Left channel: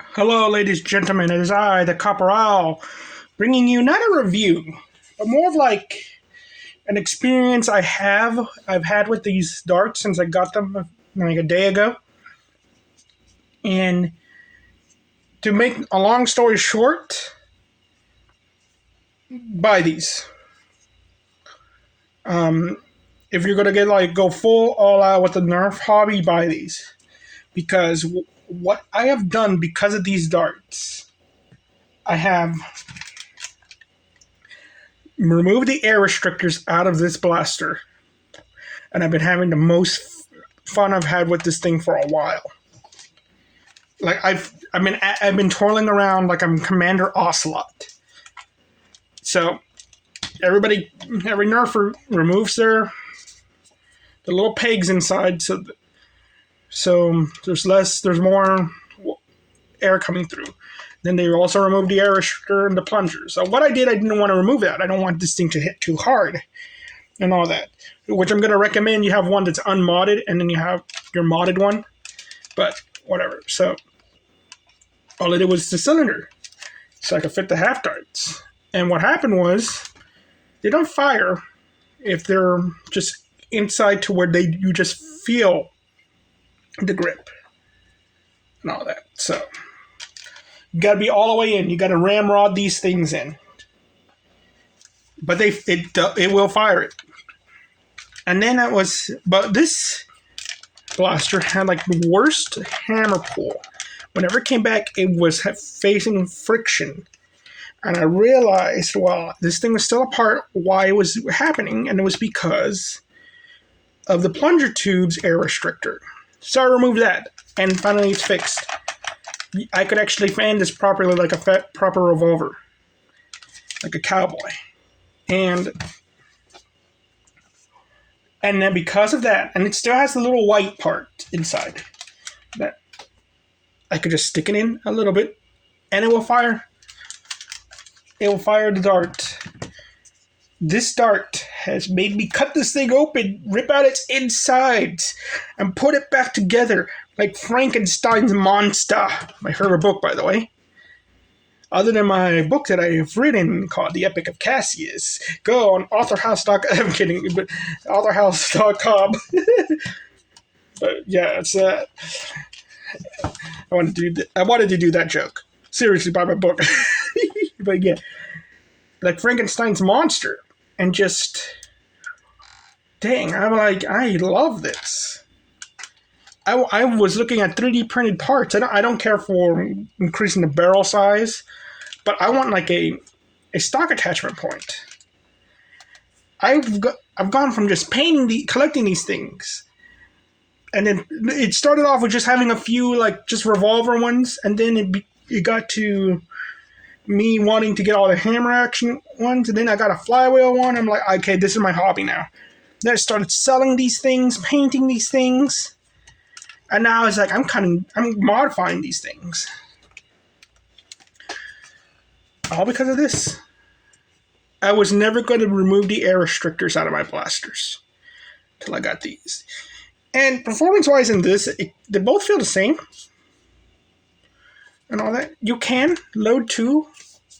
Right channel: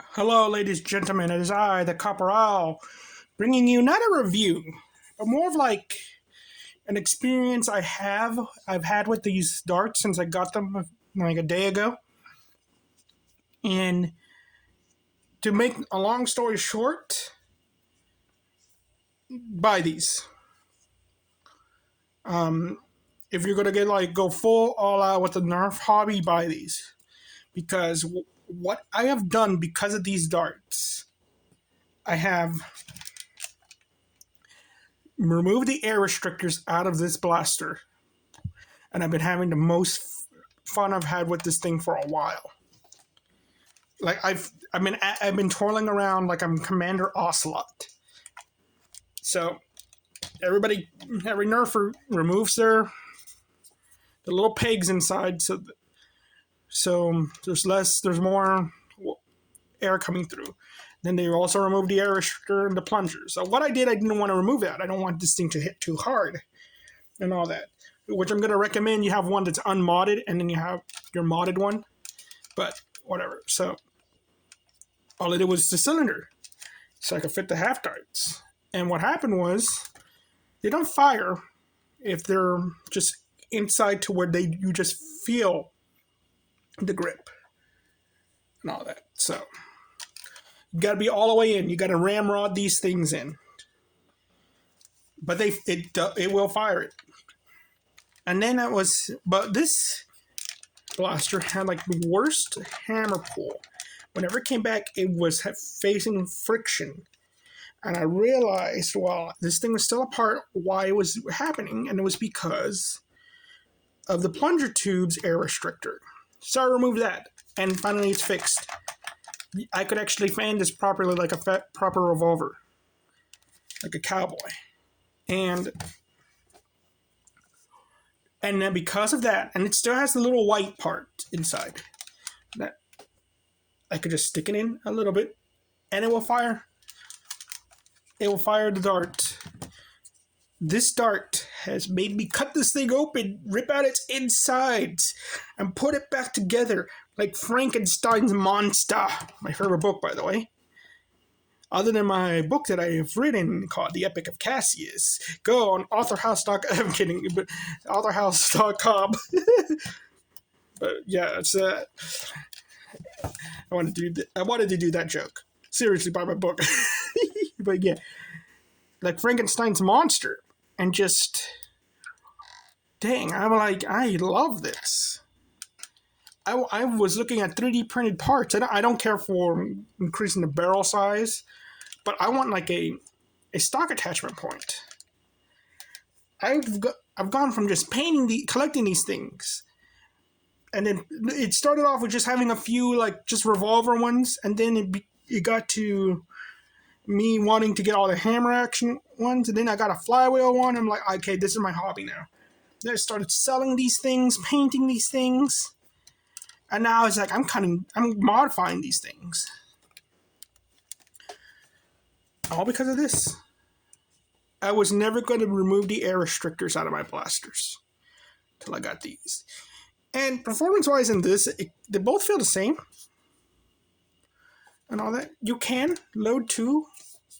Hello, ladies and gentlemen. It is I, the Copper Owl, bringing you not a review, but more of like an experience I've had with these darts since I got them like a day ago. And to make a long story short, buy these. If you're gonna go full all out with the Nerf hobby, buy these because what I have done because of these darts, I have remove the air restrictors out of this blaster, and I've been having the most fun I've had with this thing for a while. Like I've been twirling around like I'm Commander Ocelot. So every nerfer removes the little pegs inside, so there's more air coming through. Then they also removed the air restrictor and the plunger. So what I didn't want to remove that. I don't want this thing to hit too hard and all that. Which I'm going to recommend you have one that's unmodded and then you have your modded one. But whatever. So all I did was the cylinder. So I could fit the half darts. And what happened was they don't fire if they're just inside to where you just feel the grip and all that. So you got to be all the way in. You got to ramrod these things in. But it will fire it. And then but this blaster had like the worst hammer pull. Whenever it came back, it was facing friction. And I realized, well, this thing was still apart, why it was happening, and it was because of the plunger tube's air restrictor. So I removed that, and finally it's fixed. I could actually fan this properly like a proper revolver, like a cowboy. And then because of that, and it still has the little white part inside, that I could just stick it in a little bit, and it will fire. It will fire the dart. This dart has made me cut this thing open, rip out its insides, and put it back together like Frankenstein's monster. My favorite book, by the way. Other than my book that I have written called The Epic of Cassius, go on authorhouse.com. I'm kidding, but authorhouse.com. But yeah, it's I wanted to do that joke. Seriously, buy my book. But yeah, like Frankenstein's monster, and just dang, I'm like, I love this. I was looking at 3D printed parts. I don't care for increasing the barrel size, but I want like a stock attachment point. I've gone from just collecting these things, and then it started off with just having a few like just revolver ones, and then it got to me wanting to get all the hammer action ones, and then I got a flywheel one. I'm like, okay, this is my hobby now. Then I started selling these things, painting these things. And now it's like I'm modifying these things. All because of this. I was never going to remove the air restrictors out of my blasters till I got these. And performance-wise in this, they both feel the same. And all that. You can load 2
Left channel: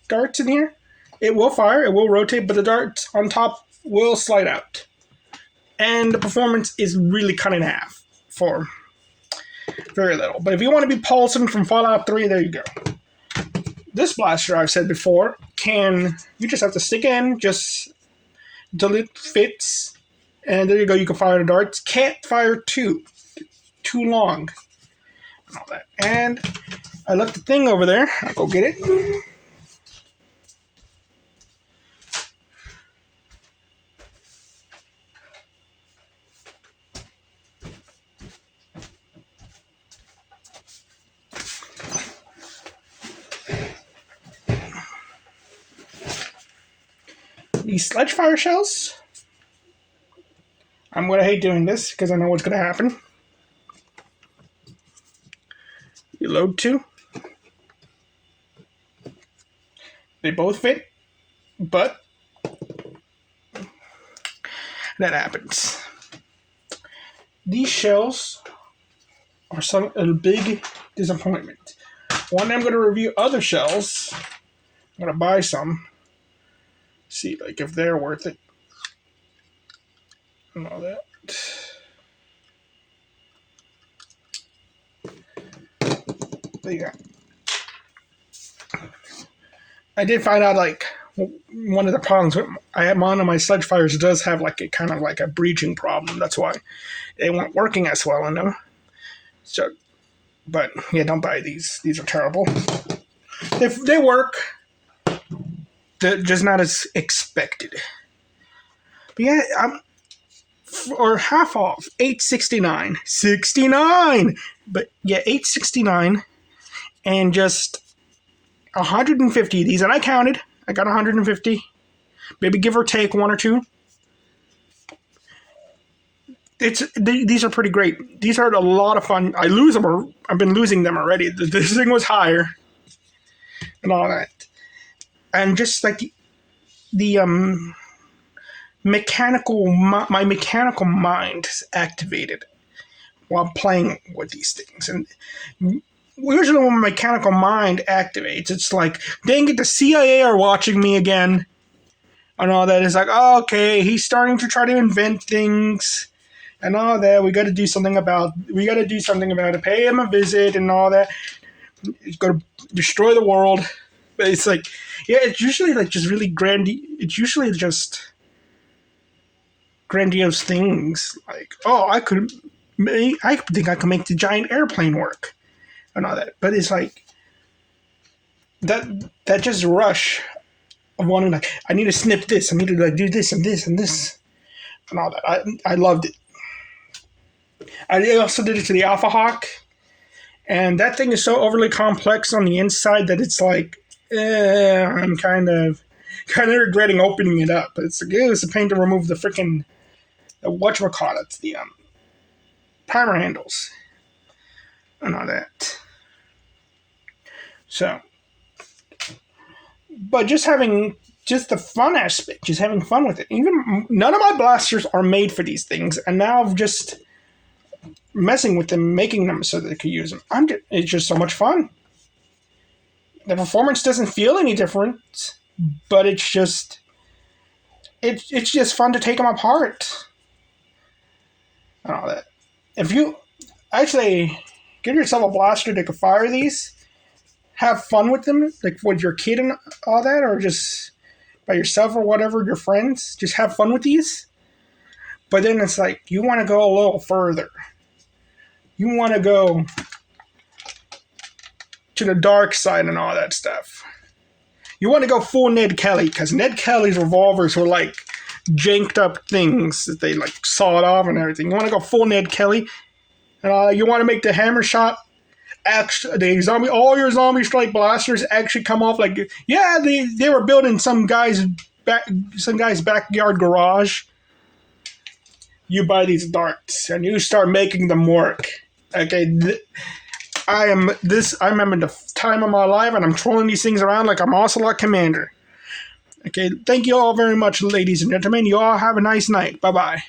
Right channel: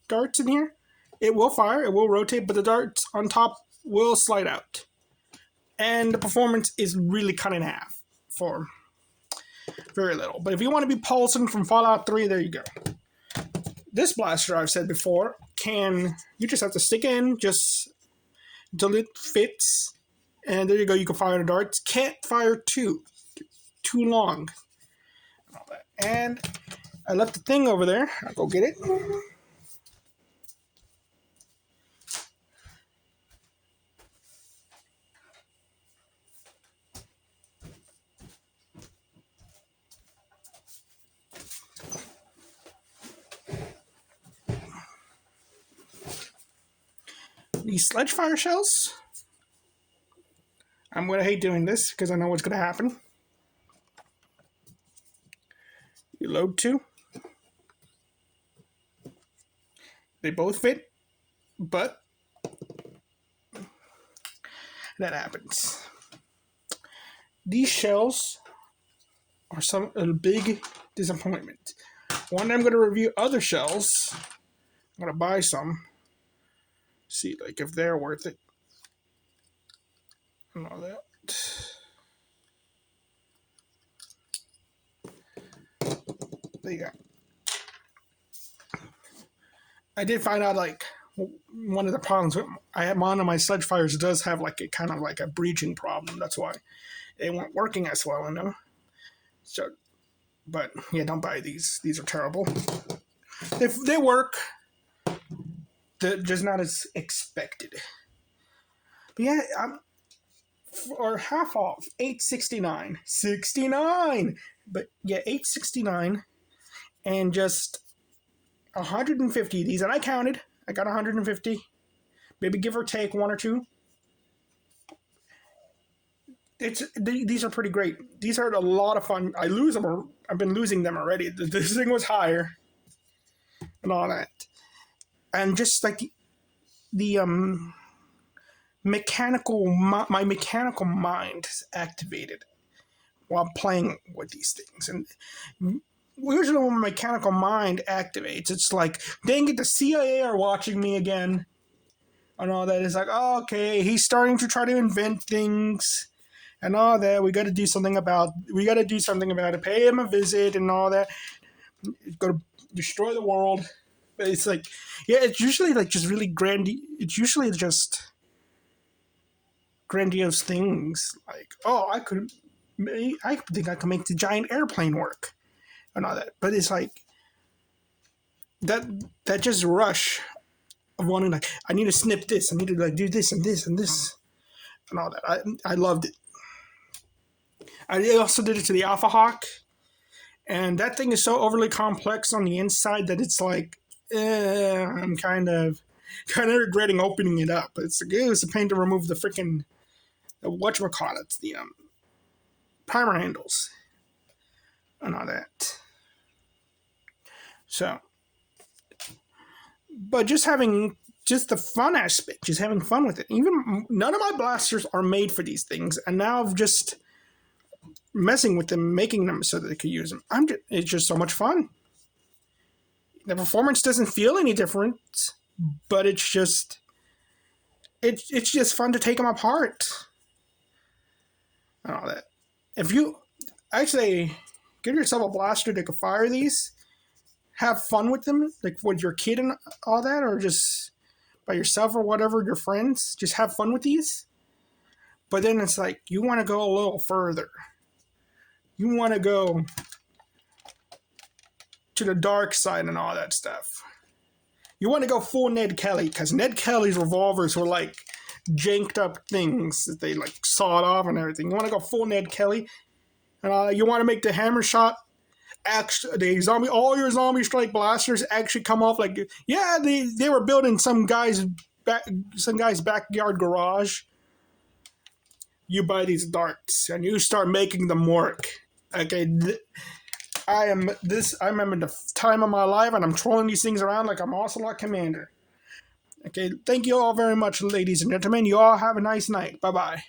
darts in here. It will fire, it will rotate, but the darts on top will slide out. And the performance is really cut in half for very little. But if you want to be Paulson from Fallout 3, there you go. This blaster, I've said before, you just have to stick in just until it fits. And there you go, you can fire the darts. Can't fire too long. And all that. And I left the thing over there. I'll go get it. These sledge fire shells. I'm going to hate doing this because I know what's going to happen. You load 2. They both fit, but that happens. These shells are a big disappointment. One day I'm going to review other shells. I'm going to buy some. See, like, if they're worth it. And all that. There you go. I did find out, like, one of the problems with one of my sludge fires does have, like, a kind of like a breaching problem. That's why they weren't working as well in them. So, but yeah, don't buy these. These are terrible. They work, they're just not as expected. But yeah, or half off, $8.69. But yeah, $8.69, and just 150 of these, and I counted. I got 150, maybe give or take one or two. These are pretty great. These are a lot of fun. I lose them, or I've been losing them already. This thing was higher, and all that, and just like the my mechanical mind is activated while playing with these things, and usually when my mechanical mind activates, it's like, dang it, the CIA are watching me again, and all that. It's like, oh, okay, he's starting to try to invent things, and all that. We got to do something about it. Pay him a visit, and all that. He's going to destroy the world. But it's like, yeah, it's usually like just really it's usually just grandiose things. Like, oh, I think I could make the giant airplane work. And all that, but it's like that just rush of wanting, like, I need to snip this, I need to like do this and this and this and all that. I loved it. I also did it to the Alpha Hawk, and that thing is so overly complex on the inside that it's like, I'm kind of regretting opening it up. It's a pain to remove the freaking whatchamacallit, the primer handles and all that. So, but just the fun aspect, just having fun with it. Even none of my blasters are made for these things, and now I'm just messing with them, making them so that they could use them. It's just so much fun. The performance doesn't feel any different, but it's just fun to take them apart and all that. If you actually get yourself a blaster that can fire these, have fun with them, like with your kid and all that, or just by yourself or whatever, your friends, just have fun with these. But then it's like, you want to go a little further. You want to go to the dark side and all that stuff. You want to go full Ned Kelly, because Ned Kelly's revolvers were like janked up things that they like sawed off and everything. You want to go full Ned Kelly, and you want to make the hammer shot. All your zombie strike blasters actually come off like, yeah, they were built in some guy's backyard garage. You buy these darts and you start making them work. Okay, I'm in the time of my life, and I'm trolling these things around like I'm Ocelot Commander. Okay, thank you all very much, ladies and gentlemen. You all have a nice night. Bye-bye.